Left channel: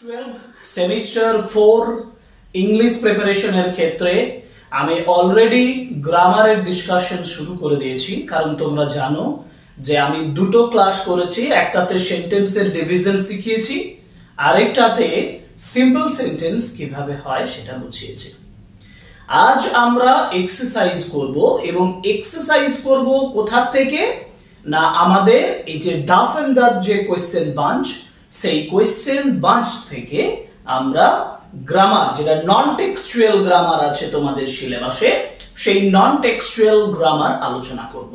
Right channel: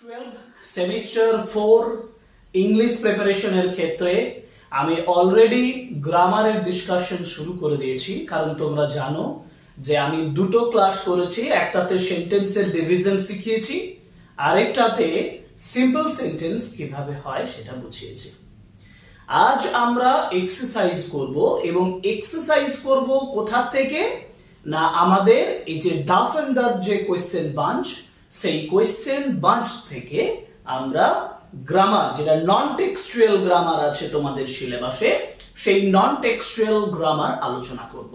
12 semester 4 English প্রিপারেশনের ক্ষেত্রে আমি অলরেডি গ্রামারের ডিসকাশন শুরু করে দিয়েছি, কারণ তোমরা জানো যে আমি দুটো ক্লাস করেছি। একটাতে সেন্টেন্সের ডিভিশন শিখিয়েছি, আরেকটাতে সিম্পল সেন্টেন্স কিভাবে হয় সেটা বুঝিয়েছি। আজ আমরা এক্সারসাইজ করব, এবং এক্সারসাইজ করব কোথা থেকে না আমাদের এই যে ডাফ এন্ড ডাফ যে কোয়েশ্চেন বাঞ্চ, সেই কোয়েশ্চেন বাঞ্চ থেকে আমরা গ্রামার, যেটা নন টেক্সচুয়াল গ্রামার আছে তোমাদের সিলেবাসে, সেই নন টেক্সচুয়াল গ্রামার আলোচনা করব।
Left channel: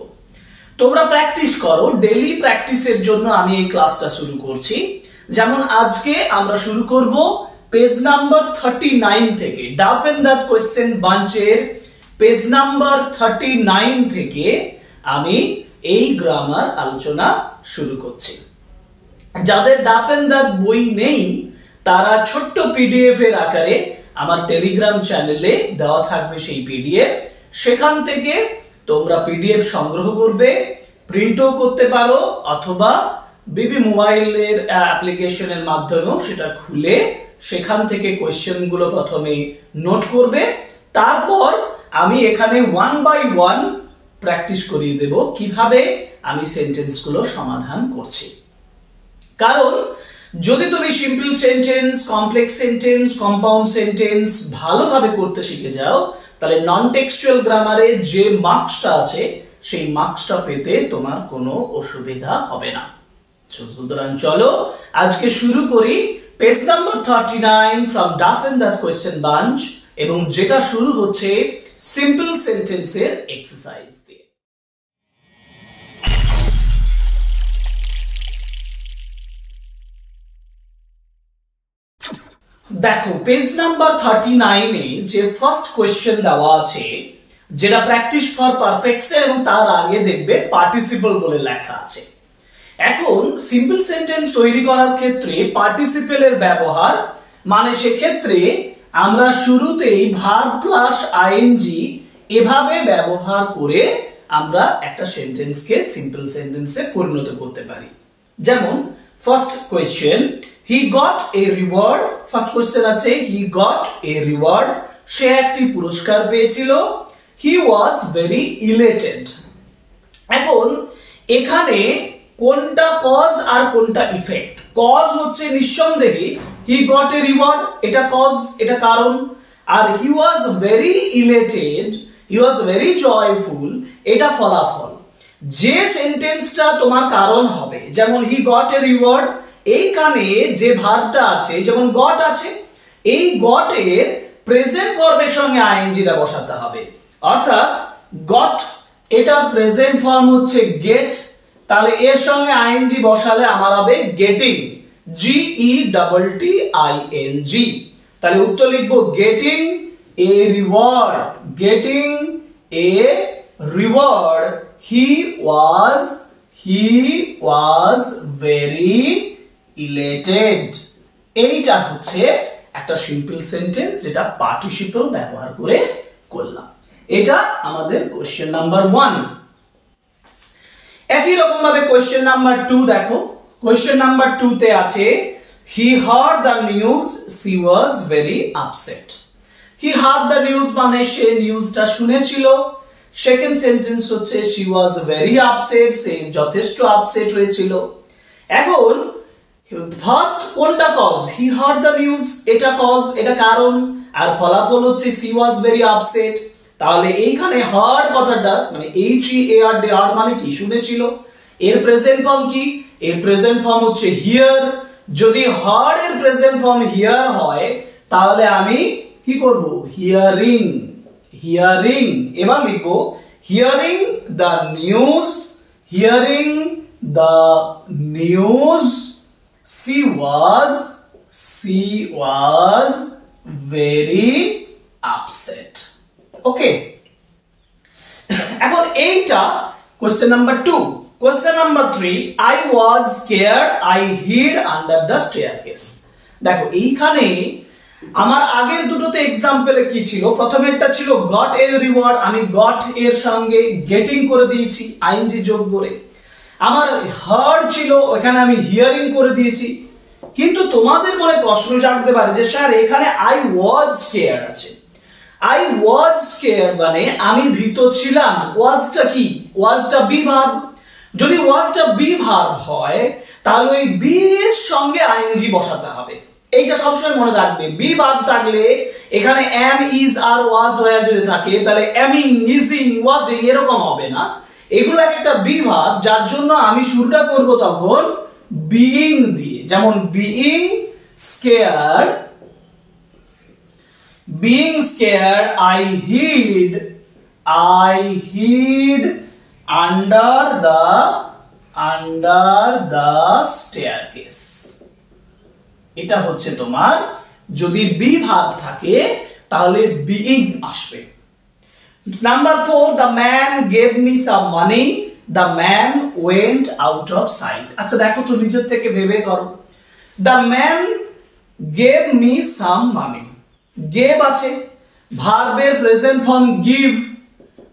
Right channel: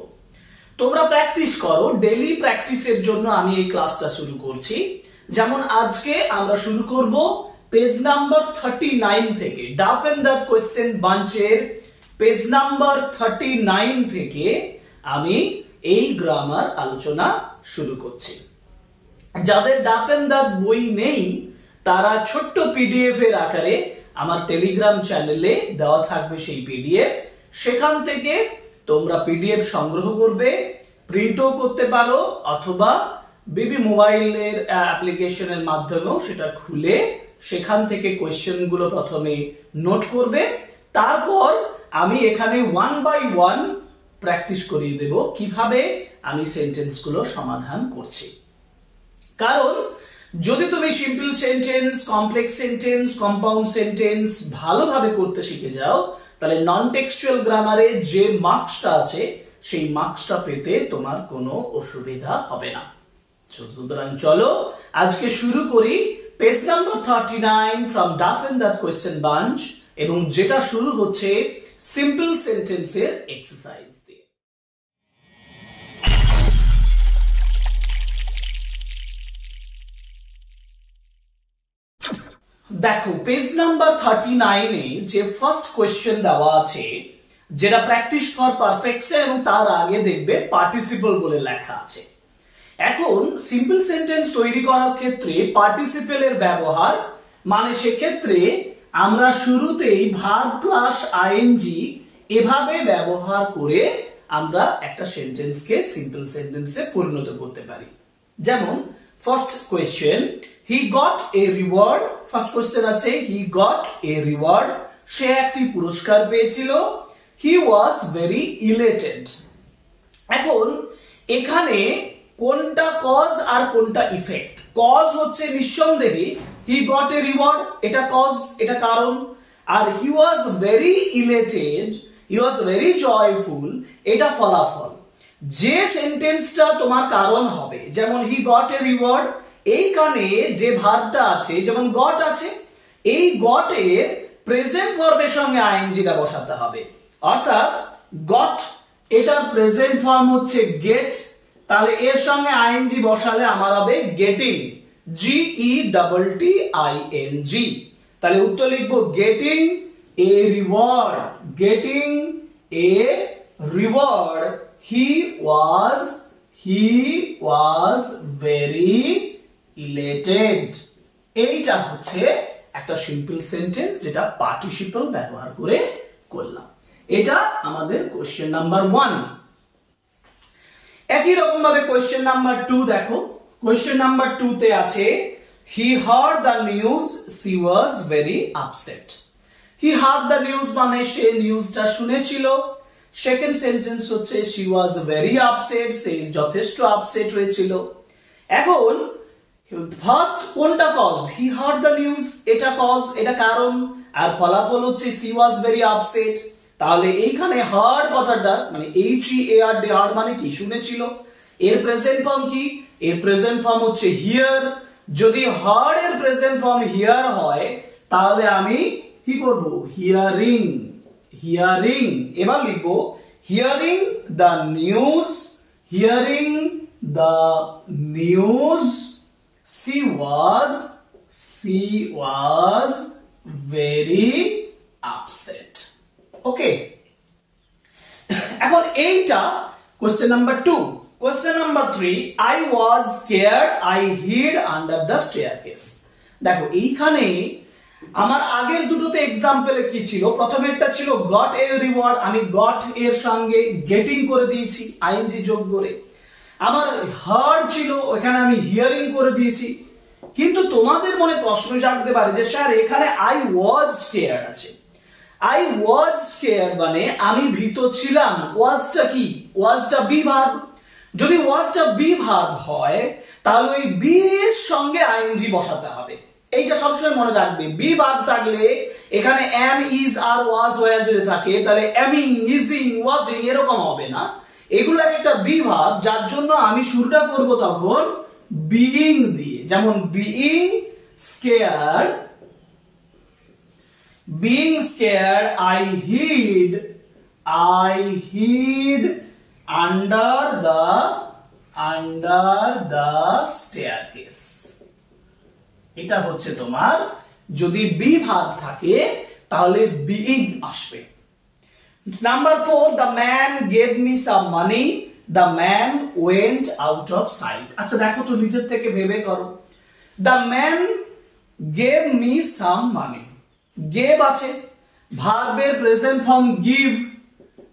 তোমরা প্র্যাকটিস করো, ডেইলি প্র্যাকটিসের জন্য আমি এই ক্লাসটা শুরু করছি। যেমন আজকে আমরা শুরু করব পেজ নাম্বার 39 থেকে, ডাফ এন্ড ডাফ কোয়েশ্চেন বাঞ্চের পেজ নাম্বার 39 থেকে আমি এই গ্রামার আলোচনা শুরু করছি। যাদের ডাফ এন্ড ডাফ বই নেই তারা ছোট্ট পিডিএফ এর আকারে আমার টেলিগ্রাম চ্যানেলে দেওয়া থাকবে সেই পিডিএফ, সেখান থেকে তোমরা পিডিএফ সংগ্রহ করবে, প্রিন্টও করতে পারো, অথবা বিবি মোবাইলের অ্যাপ্লিকেশনের মাধ্যমেও সেটা খুলে সেখান থেকে কোয়েশ্চেন গুলো প্রথমে নোট করবে। তারপর আমি এখানে 1 বাই 1 প্র্যাকটিস করিয়ে দেব কিভাবে আমি সেন্টেন্স গুলো সমাধান করছি। কারণ যদি তুমি simple sentence, complex sentence, compound sentence ভালোভাবে করতে শিখে যাও, তাহলে নন টেক্সচুয়াল গ্রামারে যে মার্কসটা আছে সেই মার্কসটা পেতে তোমার কোনো অসুবিধা হবে না। সুতরাং চলো আজকে শুরু করি page number 39 from Duff and Duff question bank, এবং যেটা শুরু হচ্ছে সিম্পল সেন্টেন্সের এক্সারসাইজ দিয়ে। দেখো পেজ নাম্বার 39 এ যে ফার্স্ট কোয়েশ্চেন দেওয়া আছে, যেটা প্র্যাকটিস ফর পারফেক্টস, এবং তার আগে দেখবে পার্টিসিপল বলে লেখা আছে। এখন সিম্পল সেন্টেন্স তৈরি করার ক্ষেত্রে পার্টিসিপেলের ব্যবহার, মানে সেক্ষেত্রে আমরা শুরুতেই ভার্ব প্লাস আইএনজি এভাবে ব্যবহার করে আমরা একটা সেন্টেন্সকে সিম্পল সেন্টেন্সে পরিণত করতে পারি। যেমন first question, he got a reward. First question আছে হি গট এ রিওয়ার্ড, সে একটি পুরস্কার পেয়েছিল। হি ওয়াজ ভেরি ইলেটেড। এখন এখানে কোনটা কজ আর কোনটা ইফেক্ট? কজ হচ্ছে নিঃসন্দেহে হি গট এ রিওয়ার্ড, এটা কজ, এটা কারণ। আর he was very elated, he was very joyful, এটা ফলাফল। যে সেন্টেন্সটা তোমার কারণ হবে, যেমন হি গট এ রিওয়ার্ড, এইখানে যে ভার্বটা আছে, যেমন গট আছে, এই গট এর প্রেজেন্ট ফর্মের সঙ্গে আইএনজিটা বসাতে হবে। অর্থাৎ গট এটার প্রেজেন্ট ফর্ম হচ্ছে গেট, তাহলে এর সঙ্গে আইএনজি বসালে আমার হবে গেটিং, GETTING। তাহলে উত্তর লিখবো getting a reward, getting a reward. He was very elated. এইটা হচ্ছে একটা সিম্পল সেন্টেন্স যেটা পার্টিসিপল ব্যবহার করে করলাম। এটা আমাদের কোশ্চেন নাম্বার 1। একই রকম ভাবে কোশ্চেন নাম্বার 2 দেখো। কোশ্চেন নাম্বার 2 তে আছে he heard the news, she was very upset. He heard the news মানে সে নিউজটা শুনেছিল। সেকেন্ড সেন্টেন্স হচ্ছে শি ওয়াজ ভেরি আপসেট, সে যথেষ্ট আপসেট হয়েছিল। এখন ফার্স্ট কোনটা cause? He heard the news, এটা কজ, এটা কারণ, আর ফলাফল হচ্ছে শি ওয়াজ ভেরি আপসেট। তাহলে এইখানে হার্ড কথাটা মানে HEARD, হার্ড মানে কি? শুনেছিল। এর প্রেজেন্ট ফর্ম কি? এর প্রেজেন্ট ফর্ম হচ্ছে হিয়ার। যদি হার্ড এর প্রেজেন্ট ফর্ম হিয়ার হয় তাহলে আমি কি করব? Hearing, hearing. এবার লিখবো hearing the news, hearing the news, she was very upset. ওকে, এখন এইটা question number 2। Question number 3, I was scared, I hid under the staircase। দেখো এইখানে আমার আগের দুটোতে এক্সাম্পলে কি ছিল? প্রথমেরটা ছিল গট এ রিওয়ার্ড, আমি গট এর সঙ্গে গেটিং করে দিয়েছি আইএনজি যোগ করে। আমার হার্ড ছিল, ওখানে আমি হিয়ারিং করে দিয়েছি। কিন্তু তোমাদের মনে প্রশ্ন জাগতে পারে যে স্যার এখানে আই ওয়াজ স্কেয়ার্ড আছে। আই ওয়াজ স্কেয়ার্ড মানে আমি ভীত ছিলাম। ওয়াজটা কি? ওয়াজটা বি ভার্ব। যদি ওয়াজটা বি ভার্ব হয় তাহলে ওই বি এর সঙ্গে আইএনজি বসাতে হবে। এইটা সবসময় মনে রাখবে। বি ভার্ব থাকলে এখানে এম, ইজ, আর, ওয়াজ হয়ে যদি থাকে তাহলে এমিং, ইজিং, ওয়াজিং এরকম হবে না। এগুলো এক একটা বি ভার্ব, যার জন্য আমি শুরুটা করব তখন বিইং দিয়ে। যেমন being scared, being scared, I hid under the staircase. এটা হচ্ছে তোমার যদি বি ভার্ব থাকে তাহলে বিইং আসবে। Number 4, the man gave me some money, the man went out of sight. আচ্ছা দেখো তো নিজের থেকে ভেবে করো। the man gave me some money, gave আছে, ভার্বের প্রেজেন্ট ফর্ম গিভ,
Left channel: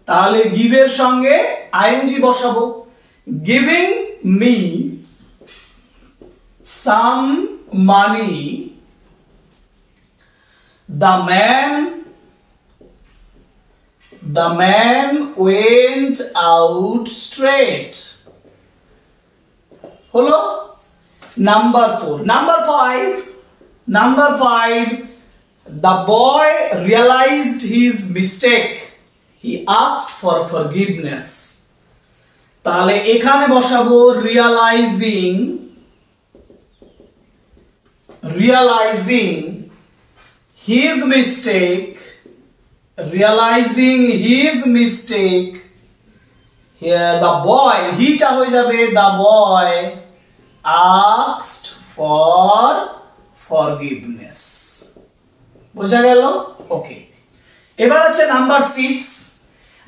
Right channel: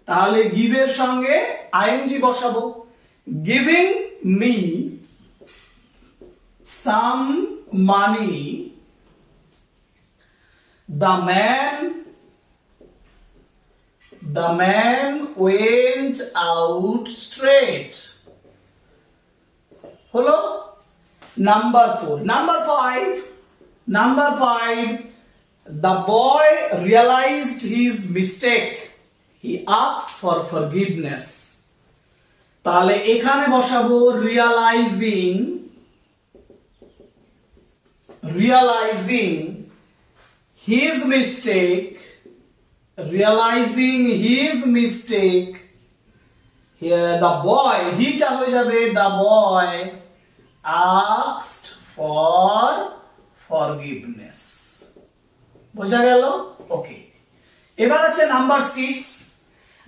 তাহলে গিভ এর সঙ্গে আইএনজি বসাবো। Giving me some money, the man went out straight। হলো number 4। Number 5, the boy realized his mistake, he asked for forgiveness। তাহলে এখানে বসাবো realizing his mistake, here the boy, হিটা হয়ে যাবে the boy asked for forgiveness। বোঝা গেল? ওকে। এবার আছে number 6,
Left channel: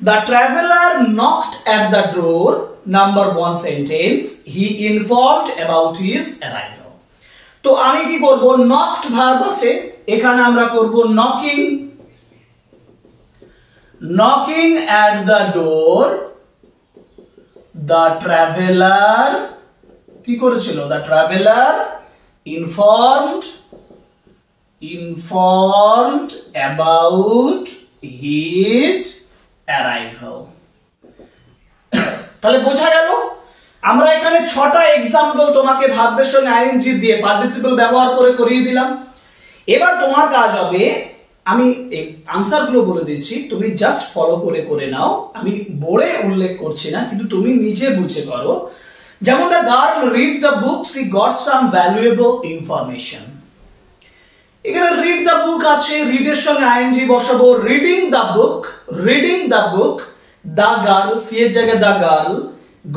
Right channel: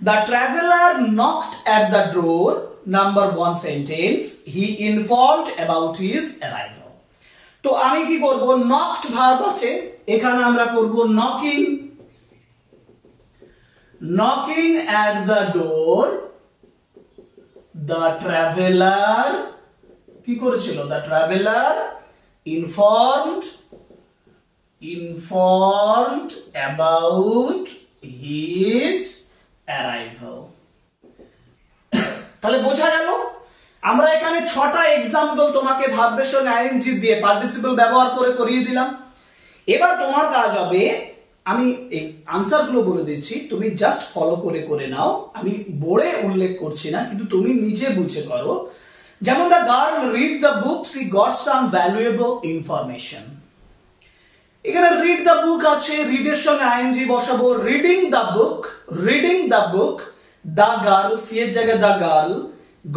the traveler knocked at the door, number 1 sentence, he informed about his arrival। তো আমি কি করব? knocked ভার্ব আছে, এখানে আমরা করব knocking at the door, the traveler কি করেছিল? the traveler informed about his arrival। তাহলে বোঝা গেল আমরা এখানে 6টা एग्जांपल তোমাকে ভার্বের সঙ্গে আইএনজি দিয়ে পার্টিসিপল ব্যবহার করে করিয়ে দিলাম। এবার তোমার কাজ হবে, আমি আনসারগুলো বলে দিচ্ছি, তুমি জাস্ট ফলো করে নাও। আমি বোর্ডে উল্লেখ করছি না, কিন্তু তুমি নিজে বুঝে করো। যেমন the girl read the book, she got some valuable information। এখানে রিড দ্য বুক আছে, রিড এর সঙ্গে আইএনজি বসাবো। Reading the book, the girl, she এর জায়গায় the girl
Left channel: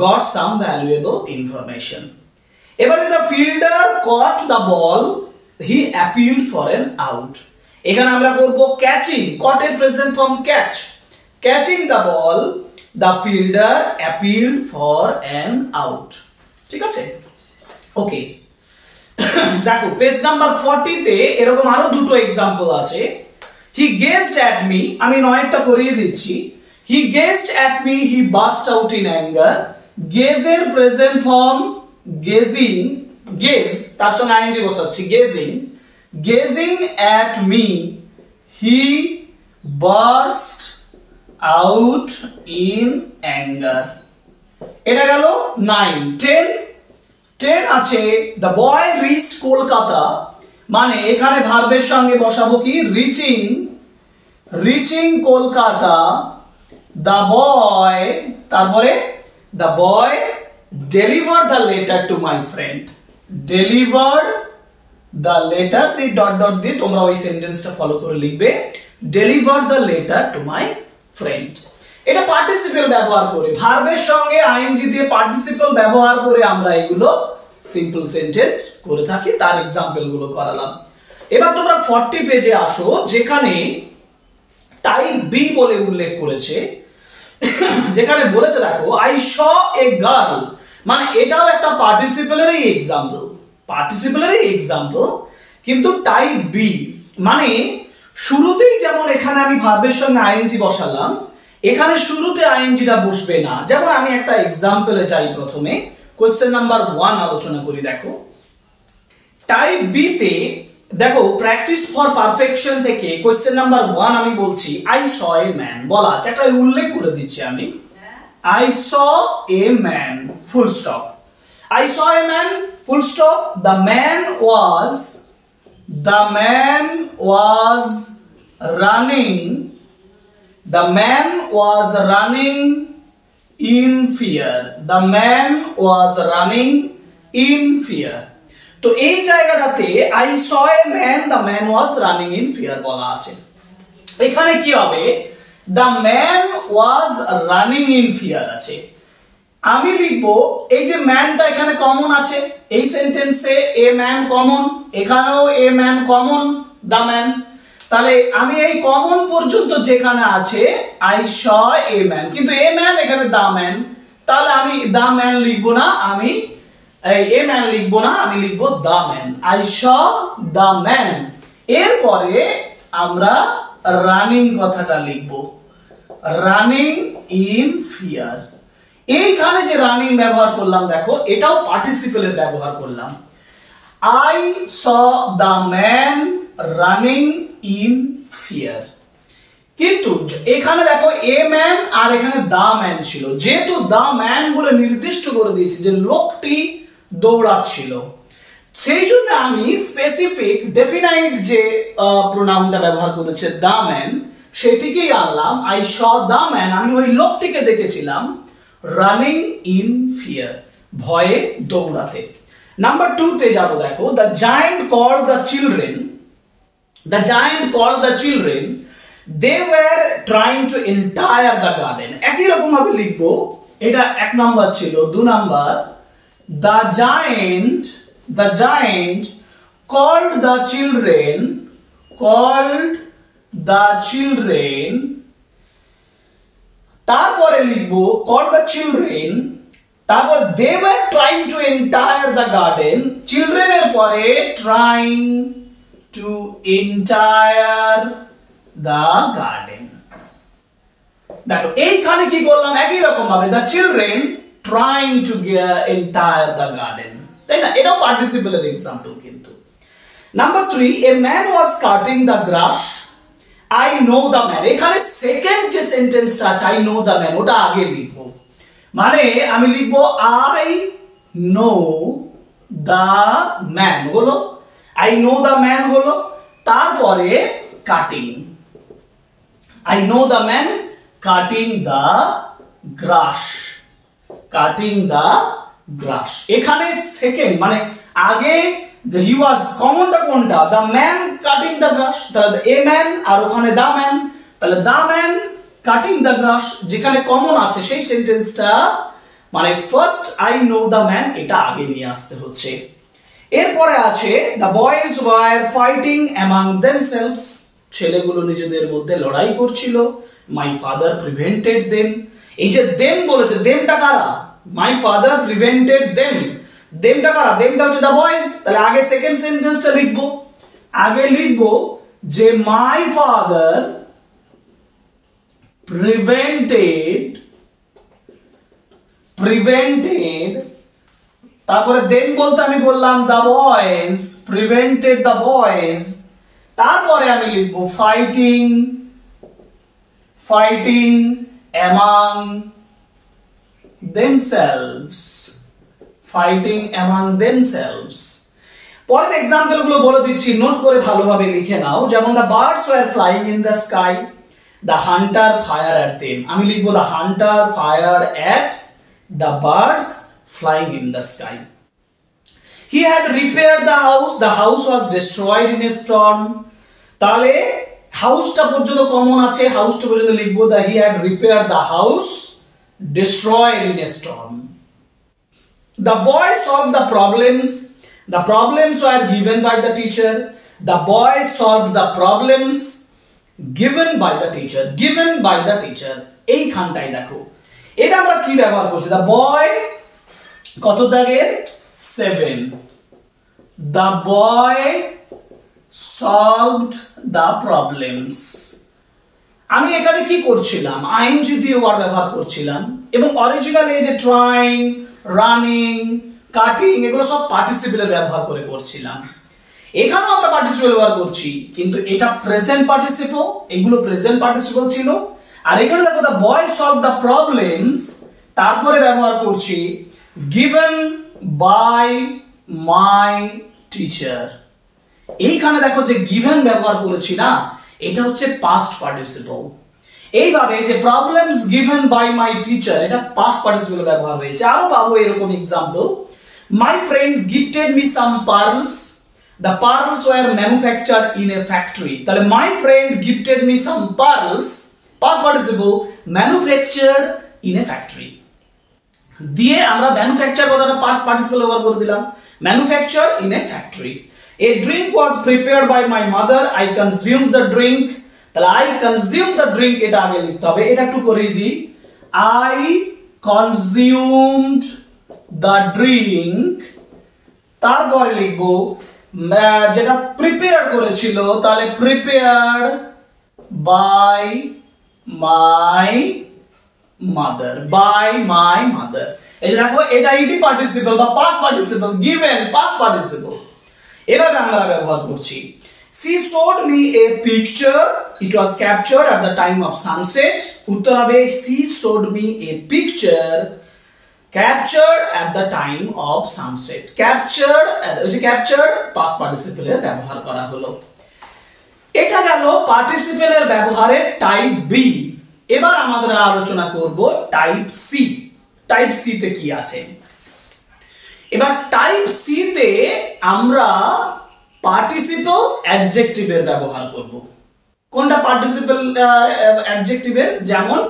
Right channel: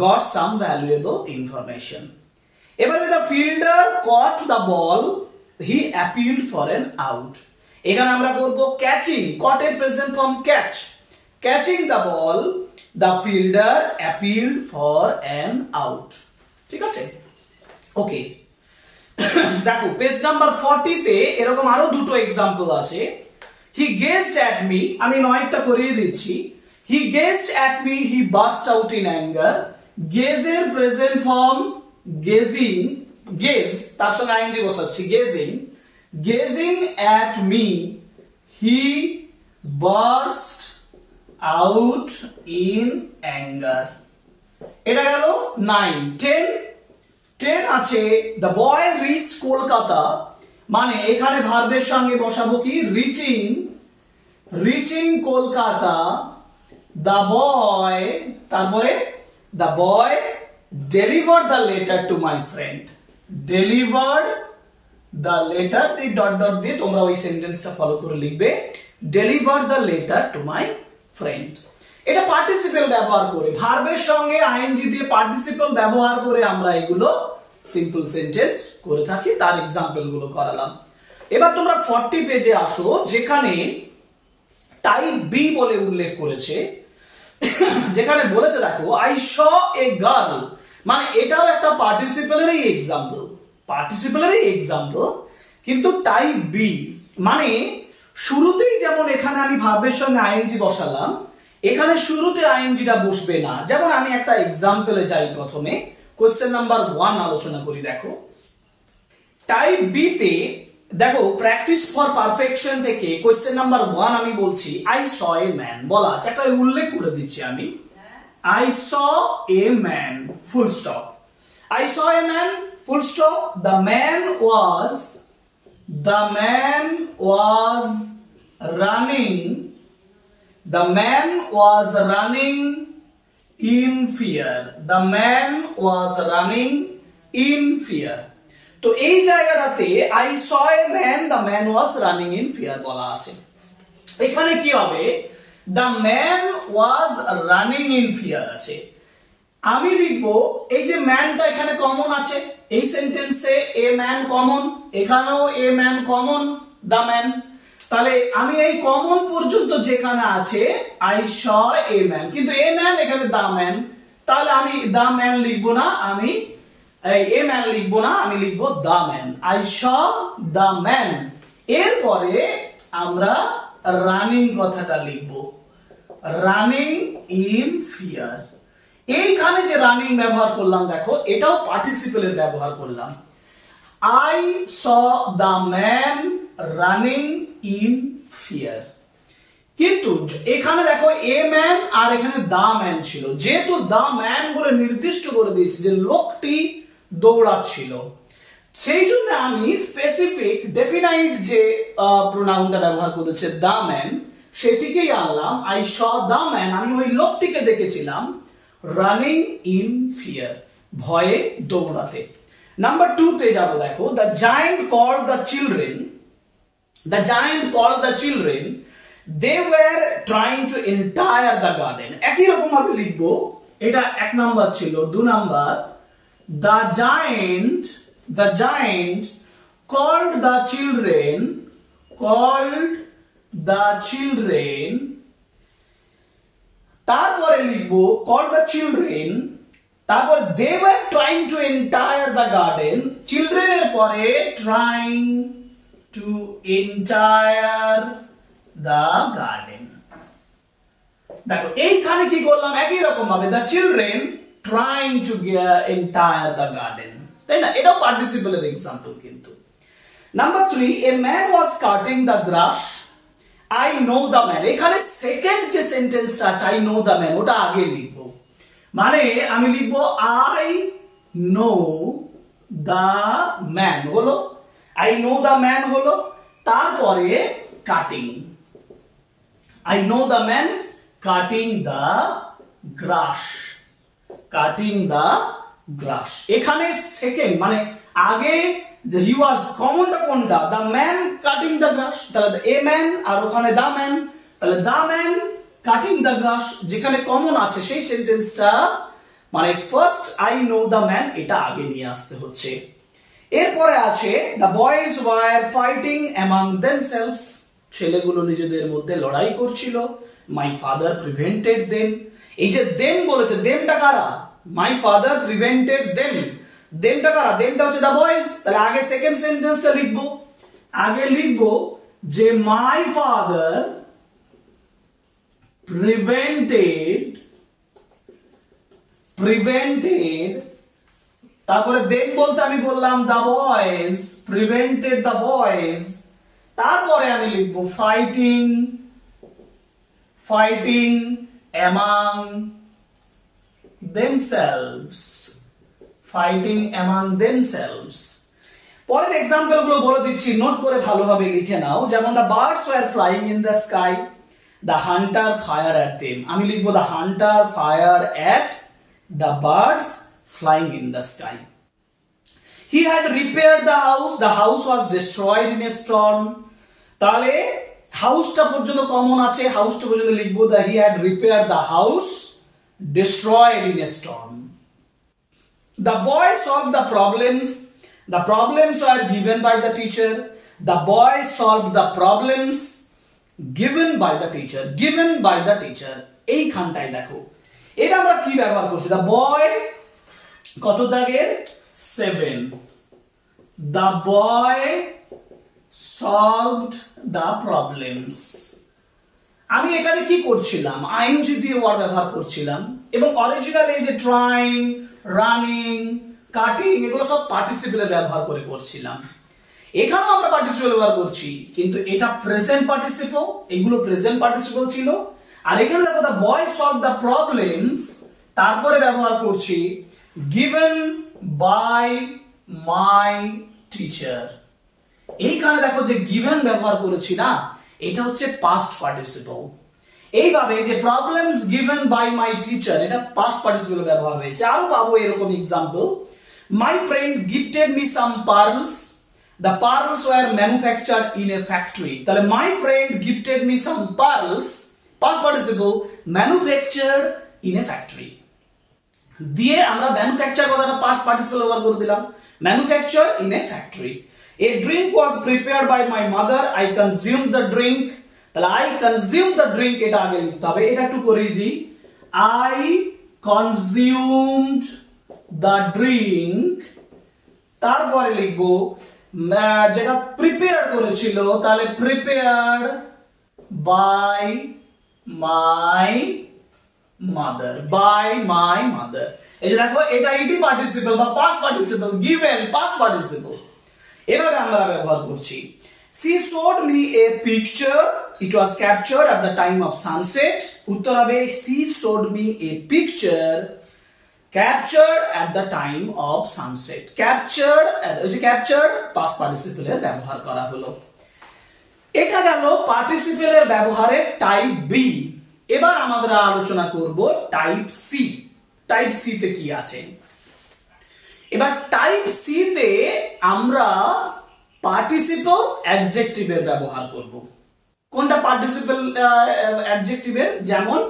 got some valuable information. এবারে the fielder caught the ball, he appealed for an out. এখানে আমরা করব ক্যাচিং, কট এর present form catch, catching the ball, the fielder appealed for an out. ঠিক আছে? ওকে। দেখো পেজ নাম্বার 40 তে এরকম আরো দুটো एग्जांपल আছে। হি গেজড অ্যাট মি, আমি 9টা করিয়ে দিচ্ছি। He gazed at me, he burst out in anger. Gaze এর প্রেজেন্ট ফর্ম গেজিং, গেজ তার সঙ্গে আইএনজি বসাচ্ছি, gazing at me, he burst out in anger. এটা গেল 9। 10 আছে, the boy reached কলকাতা, মানে এখানে ভার্বের সঙ্গে বসাবো কি? রিচিং কলকাতা। the boy, তারপরে the boy delivered the letter to my friend, delivered the letter, the dot দিয়ে তোমরা ওই সেন্টেন্সটা ফলো করে লিখবে, delivered the letter to my friend। এটা পার্টিসিপল ব্যবহার করে, ভার্বের সঙ্গে আইএনজি দিয়ে পার্টিসিপল ব্যবহার করে আমরা এগুলো সিম্পল সেন্টেন্স করে থাকি। তার एग्जांपल গুলো করালাম। এবার তোমরা 40 পেজে আসো, যেখানে টাইপ বি বলে উল্লেখ করেছে, যেখানে বলেছে দেখো আই শ এ গার্ল, মানে এটাও একটা পার্টিসিপলেরই एग्जांपल, কিন্তু টাইপ বি মানে শুরুতেই যেমন এখানে আমি ভার্বের সঙ্গে আইএনজি বসালাম, এখানে শুরুতে আইএনজিটা বসবে না। যেমন আমি একটা एग्जांपले যাই, প্রথমে কোশ্চেন নাম্বার 1 আলোচনা করি। দেখো টাইপ বি তে দেখো প্র্যাকটিস ফর পারফেকশন থেকে কোশ্চেন নাম্বার 1 আমি বলছি আই স এ ম্যান বলা আছে, একটা উল্লেখ করে দিচ্ছি আমি, I saw a man full stop, I saw a man full stop, the man was running, the man was running in fear, the man was running in fear। তো এই জায়গাটাতে I saw a man, the man was running in fear বলা আছে। এখানে কি হবে, the man was running in fear আছে, আমি লিখবো এই যে ম্যানটা এখানে কমন আছে, এই সেন্টেন্সে এ ম্যান কমন, এখানেও a man common, the man, তাহলে আমি এই কমন পর্যন্ত যেখানে আছে আই স এ ম্যান, কিন্তু এ ম্যান এখানে দা ম্যান, তাহলে আমি দা ম্যান লিখবো না, আমি এ ম্যান লিখবো না, আমি লিখবো the man, I saw the man. এরপরে আমরা রানিং কথাটা লিখবো, রানিং ইন ফিয়ার। এইখানে যে রানিং ব্যবহার করলাম দেখো, এটাও পার্টিসিপেলের ব্যবহার করলাম, I saw the man running in fear. কিন্তু এখানে দেখো এ ম্যান আর এখানে দা ম্যান ছিল, যেহেতু দা ম্যান বলে নির্দিষ্ট করে দিয়েছি যে লোকটি দৌড়াচ্ছিল, সেই জন্য আমি স্পেসিফিক ডেফিনাইট যে প্রোনাউনটা ব্যবহার করেছে দা ম্যান সেটিকেই আনলাম, আই স দা ম্যান, আমি ওই লোকটিকে দেখেছিলাম রানিং ইন ফিয়ার ভয়ে দৌড়াতে। নাম্বার 2 তে যাবো, দেখো the giant called the children, the giant called the children, they were trying to entire the garden। একই রকম ভাবে লিখবো, এটা 1 নাম্বার ছিল। 2 number, the giant called the children, তারপরে লিখবো called the children, তারপর they were trying to entire the garden, children এর পরে trying to entire the garden। দেখো এইখানে কি করলাম, একই রকম ভাবে the children trying to entire the garden, তাই না, এটাও পার্টিসিপেলের এক্সাম্পল। কিন্তু number 3, a man was cutting the grass, I know the man, এখানে সেকেন্ড যে সেন্টেন্সটা আছে I know the man ওটা আগে লিখবো, মানে আমি লিখবো I know the man হলো, I know the man হলো, তারপরে cutting, I know the man cutting the grass, এখানে সেকেন্ড মানে আগে যে he was কমনটা কোনটা, the man cutting the grass, তাহলে a man আর ওখানে the man, তাহলে the man cutting the grass যেখানে কমন আছে সেই সেন্টেন্সটা মানে first I know the man এটা আগে নিয়ে আসতে হচ্ছে। এরপরে আছে the boys were fighting among themselves, ছেলেগুলো নিজেদের মধ্যে লড়াই করছিল, my father prevented them, এই যে them বলেছে, themটা কারা, my father prevented them, themটা কারা, themটা হচ্ছে the boys, তাহলে আগে সেকেন্ড সেন্টেন্সটা লিখবো, আগে লিখবো যে my father prevented, তারপরে দেন বলতে আমি বললাম the boys prevented the boys, তারপরে আমি লিখবো fighting among themselves, পরের এক্সাম্পল গুলো বলে দিচ্ছি, নোট করে ভালোভাবে লিখে নাও। যেমন the birds were flying in the sky, the hunter fired at them, আমি লিখবো the hunter fired at the birds flying in the sky। He had repaired the house was destroyed in a storm, তাহলে হাউসটা পর্যন্ত common আছে, হাউসটা পর্যন্ত লিখবো that he had repaired the house destroyed in a storm। The boy solved the problems were given by the teacher, the boy solved the problems given by the teacher, এইখানটাই দেখো এটা আমরা কি ব্যবহার করছি, the boy কত দাগের 7, the boy solved the problems, আমি এখানে কি করছিলাম, আইএনজি দিয়ে ওয়ার্ড ব্যবহার করছিলাম, এবং অরিজিনাল এই যে ট্রাইং, রানিং, কাটিং এগুলো সব পার্টিসিপেলের ব্যবহার করে করছিলাম। এখানেও আমরা পার্টিসিপল ব্যবহার করছি, কিন্তু এটা প্রেজেন্ট পার্টিসিপল, এগুলো প্রেজেন্ট পার্টিসিপল ছিল। আর এখানে দেখো the boy solve the problems, তারপরে ব্যবহার করছি গিভেন বাই মাই টিচার। এইখানে দেখো যে গিভেন ব্যবহার করেছি না, এটা হচ্ছে পাস্ট পার্টিসিপল। এইভাবে যে problems given by my teacher, এটা পাস্ট পার্টিসিপল ব্যবহার হয়েছে। আরো পাবো এরকম example, my friend gifted me some pearls, the pearls were manufactured in a factory। তাহলে my friend gifted me some pearls, past participle, manufactured in a factory। দিয়ে আমরা manufacture কথাটা past participle ব্যবহার করে দিলাম, manufactured in a factory। A drink was prepared by my mother, I consumed the drink। তাহলে I consumed the drink, এটা আগে লিখতে হবে, এটা একটু করে দিই, I consumed the drink। তারপরে লিখবো যেটা প্রিপেয়ার করেছিল, তাহলে prepared by my mother, by my mother. এই যে দেখো এটা ইটি পার্টিসিপল বা past participle, given past participle, এভাবে আমরা ব্যবহার করছি। She showed me a picture, it was captured at the time of sunset। উত্তর হবে she showed me a picture captured at the time of sunset। captured, ওই যে captured past participle এর ব্যবহার করা হলো। এটা গেল পার্টিসিপল এর ব্যবহারের টাইপ বি। এবার আমরা আলোচনা করব টাইপ সি। টাইপ সি তে কি আছে? এবার টাইপ সি তে আমরা পার্টিসিপল অ্যাডজেক্টিভের ব্যবহার করব। কোনটা পার্টিসিপল অ্যাডজেক্টিভের? যেমন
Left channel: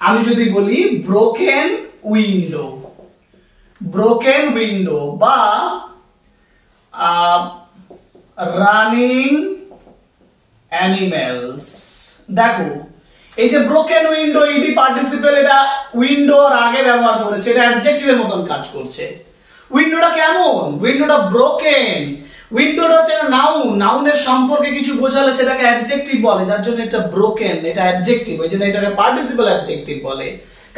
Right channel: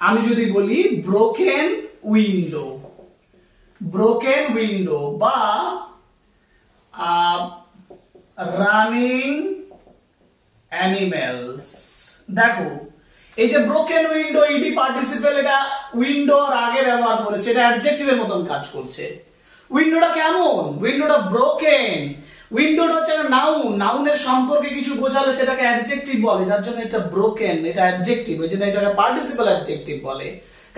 আমি যদি বলি ব্রোকেন উইন্ডো, ব্রোকেন উইন্ডো, বা রানিং অ্যানিমেলস। দেখো এই যে ব্রোকেন উইন্ডো, ইডি পার্টিসিপল, এটা উইন্ডো আর আগে ব্যবহার করেছে, এটা অ্যাডজেক্টিভের মতন কাজ করছে। উইন্ডোটা কেমন? উইন্ডোটা ব্রোকেন। উইন্ডোটা হচ্ছে নাউন, নাউনের সম্পর্কে কিছু বোঝালে সেটাকে অ্যাডজেক্টিভ বলে, যার জন্য এটা ব্রোকেন, এটা অ্যাডজেক্টিভ, ওই জন্য এটাকে পার্টিসিপল অ্যাডজেক্টিভ বলে,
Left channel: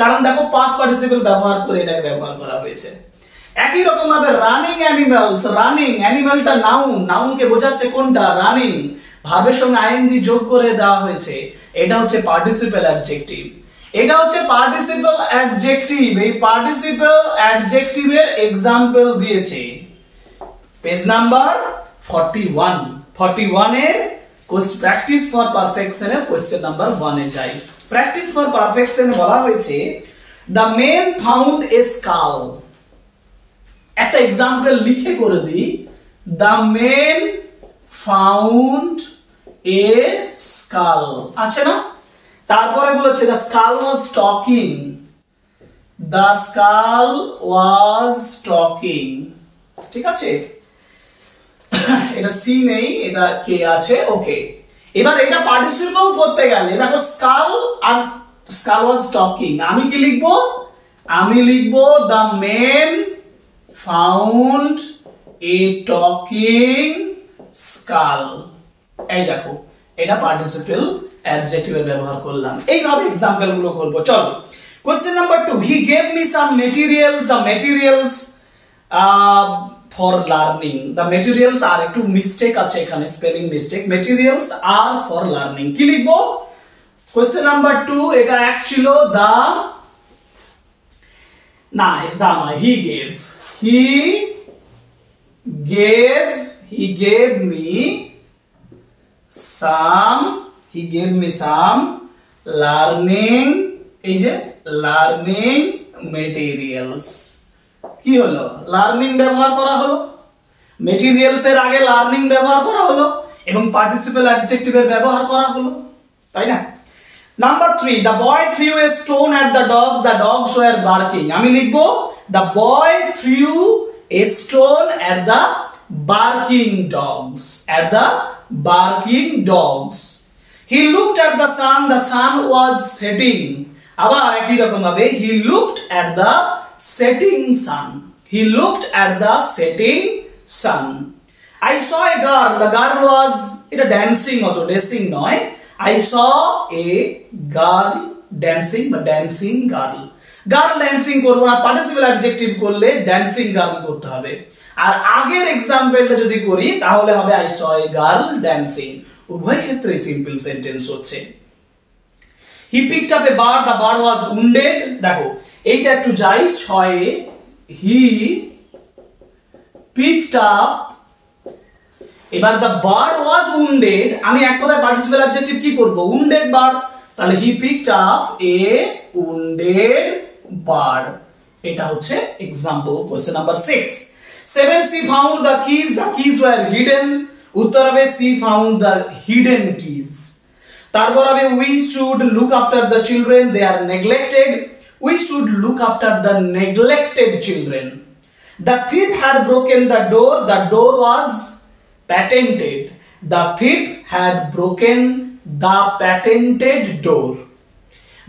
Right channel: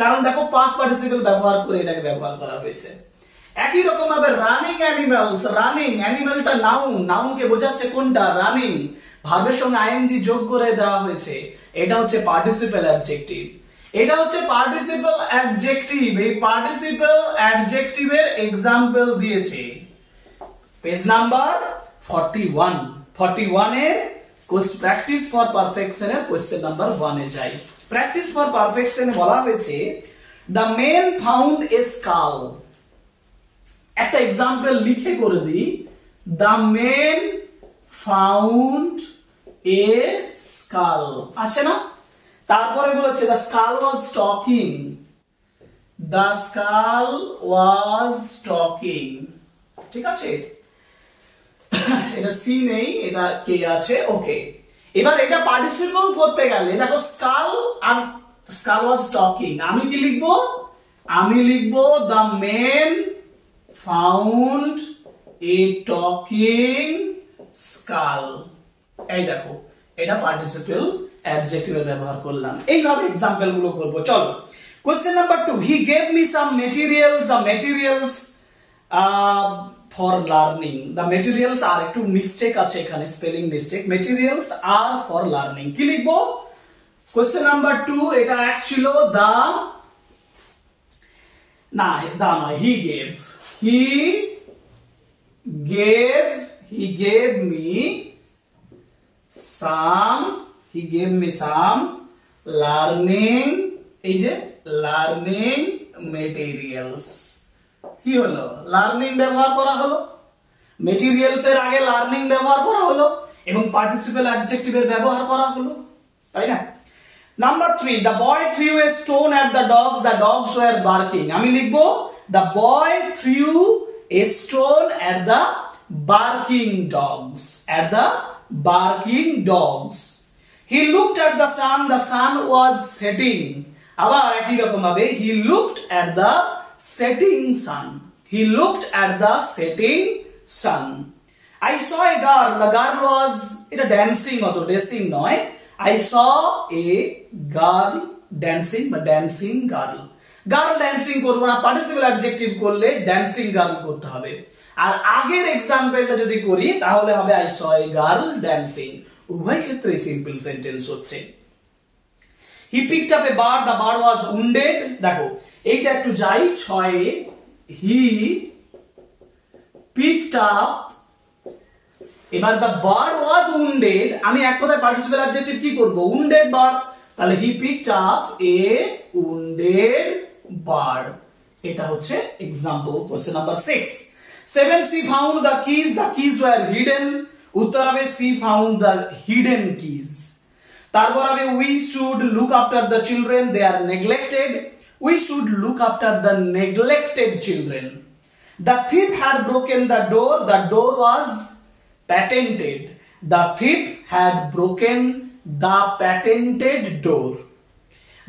কারণ দেখো পাস্ট পার্টিসিপল ব্যবহার করে এটাকে ব্যবহার করা হয়েছে। একই রকম ভাবে রানিং অ্যানিমেলস, রানিং অ্যানিমেলটা নাউন, নাউনকে বোঝাচ্ছে কোনটা? রানিং, ভার্বের সঙ্গে আইএনজি যোগ করে দেওয়া হয়েছে, এটা হচ্ছে পার্টিসিপল অ্যাডজেক্টিভ। এটা হচ্ছে পার্টিসিপল অ্যাডজেক্টিভ। এই পার্টিসিপল অ্যাডজেক্টিভের এক্সাম্পল দিয়েছে পেজ নাম্বার 41। 41 এর প্র্যাকটিস ফর পারফেকশন এর কোশ্চেন নাম্বার 1 এ যাই। প্র্যাকটিস ফর পারফেকশন বলা হয়েছে the men found a skull. একটা এক্সাম্পল লিখে করে দিই, the men found a skull, আছে না? তারপরে বলেছে the skull was talking, the skull was talking, ঠিক আছে? এটা সি নেই, এটা কে আছে, ওকে। এবার এটা পার্টিসিপল করতে গেলে দেখো স্কাল আর স্কাল ওয়াজ টকিং, আমি কি লিখবো? আমি লিখবো the men found a talking skull. এই দেখো এটা পার্টিসিপল অ্যাডজেক্টিভের ব্যবহার করলাম। এইভাবে এক্সাম্পল গুলো করব। চলো question number 2, he gave me some materials, the materials for learning. The materials আর একটু মিস্টেক আছে এখানে, স্পেলিং মিস্টেক। মেটেরিয়ালস আর ফর লার্নিং কি লিখবো? কোশ্চেন নাম্বার 2 এটা এক ছিল দা, না দা নয়, he gave, he gave me some learning, এই যে লার্নিং মেটেরিয়ালস। কি হলো? লার্নিং ব্যবহার করা হলো, মেটেরিয়ালস এর আগে লার্নিং ব্যবহার করা হলো এবং পার্টিসিপল অ্যাডজেক্টিভের ব্যবহার করা হলো, তাই না? Number 3, the boy threw a stone at the dogs were barking। আমি লিখবো the boy threw a stone at the barking dogs। He looked at the sun was setting। আবার একই রকম ভাবে he looked at the setting sun। I saw a girl, the girl was, এটা dancing হতো, dancing নয়। I saw a girl dancing বা dancing girl। Girl dancing করবো না, পার্টিসিপল অ্যাডজেক্টিভ করলে ড্যান্সিং গার্ল করতে হবে। আর আগের এক্সাম্পলটা যদি করি তাহলে হবে I saw a girl dancing. উভয় ক্ষেত্রে সিম্পল সেন্টেন্স হচ্ছে। He picked up a bird, the bird was wounded. দেখো এইটা একটু যাই 6 এ, হি পিকড আপ, এবার দ্য বার্ড ওয়াজ উন্ডেড, আমি এক কথায় পার্টিসিপেল অ্যাডজেক্টিভ কি করব, উন্ডেড বার্ড, তাহলে he picked up a wounded bird. এটা হচ্ছে example. Question number 6, 7 she found the keys were hidden। উত্তর হবে she found the hidden keys। তারপর হবে we should look after the children, they are neglected। we should look after the neglected children। the thief had broken the door was patented। the thief had broken the patented door।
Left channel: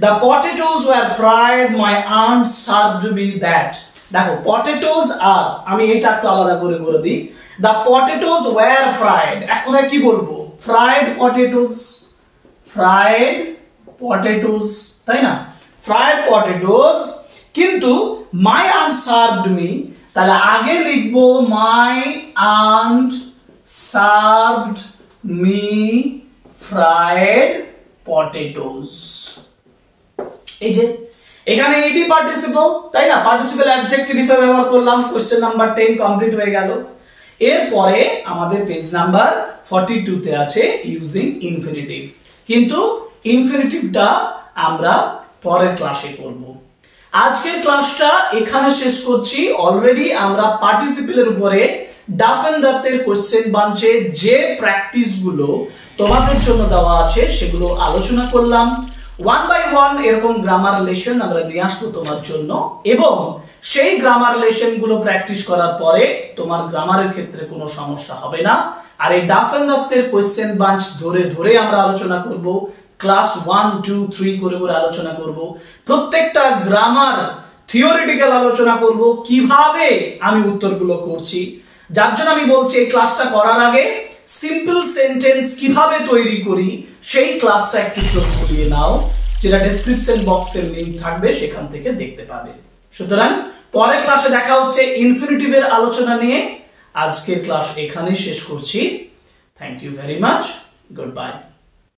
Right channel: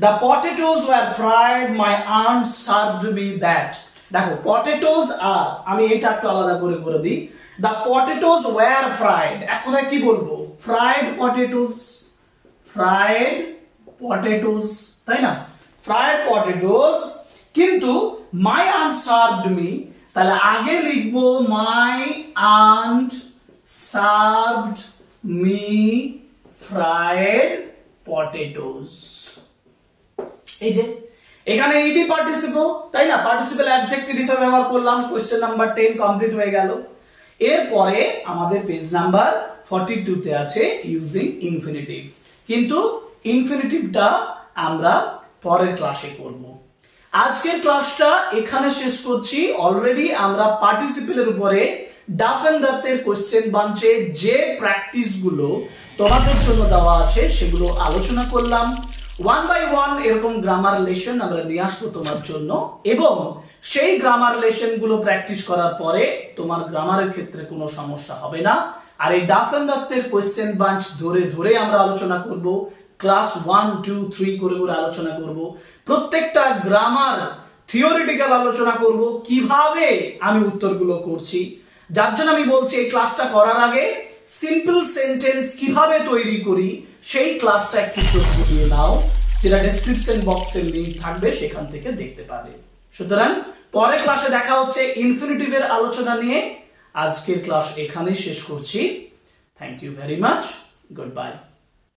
the potatoes were fried, my aunt served me that। দেখো potatoes are, আমি এটা একটু আলাদা করে বলে দিই, the potatoes were fried, এক কথায় কি বলবো, fried potatoes, fried potatoes, তাই না, fried potatoes। কিন্তু my aunt served me, তাহলে আগে লিখবো my aunt served me fried potatoes। এই যে এখানে এবি পার্টিসিপল, তাই না, পার্টিসিপল অ্যাডজেক্টিভ হিসেবে ব্যবহার করলাম। কোশ্চেন নাম্বার 10 কমপ্লিট হয়ে গেল। এরপরে আমাদের পেজ নাম্বার 42 তে আছে ইউজিং ইনফিনিটিভ, কিন্তু ইনফিনিটিভটা আমরা পরের ক্লাসে করব। আজকের ক্লাসটা এখানে শেষ করছি। অলরেডি আমরা পার্টিসিপেলের উপরে ডাফ এন্ড দ্যাটের কোশ্চেন বাঞ্চে যে প্র্যাকটিস গুলো তোমাদের জন্য দেওয়া আছে সেগুলো আলোচনা করলাম। 1 by 1 এরকম গ্রামার লেসন আমরা নিয়ে আসবো তোমার জন্য, এবং সেই গ্রামার লেসন গুলো প্র্যাকটিস করার পরে তোমার গ্রামারের ক্ষেত্রে কোনো সমস্যা হবে না। আর এই ডাফ এন্ড দ্যাটের কোশ্চেন বাঞ্চ ধরে ধরে আমরা আলোচনা করব, ক্লাস 1 2 3 করে করে আলোচনা করব। প্রত্যেকটা গ্রামার থিওরিটিক্যাল আলোচনা করব, কিভাবে আমি উত্তরগুলো করছি। যার জন্য আমি বলছি এই ক্লাসটা করার আগে সিম্পল সেন্টেন্স কিভাবে তৈরি করি সেই ক্লাসটা একটু চোখ বুলিয়ে নাও, যেটা ডেসক্রিপশন বক্সের লিংক থাকবে, সেখান থেকে দেখতে পাবে। সুতরাং পরের ক্লাসে দেখা হচ্ছে ইনফিনিটিভের আলোচনা নিয়ে। আজকের ক্লাস এখানেই শেষ করছি। Thank you very much, good bye.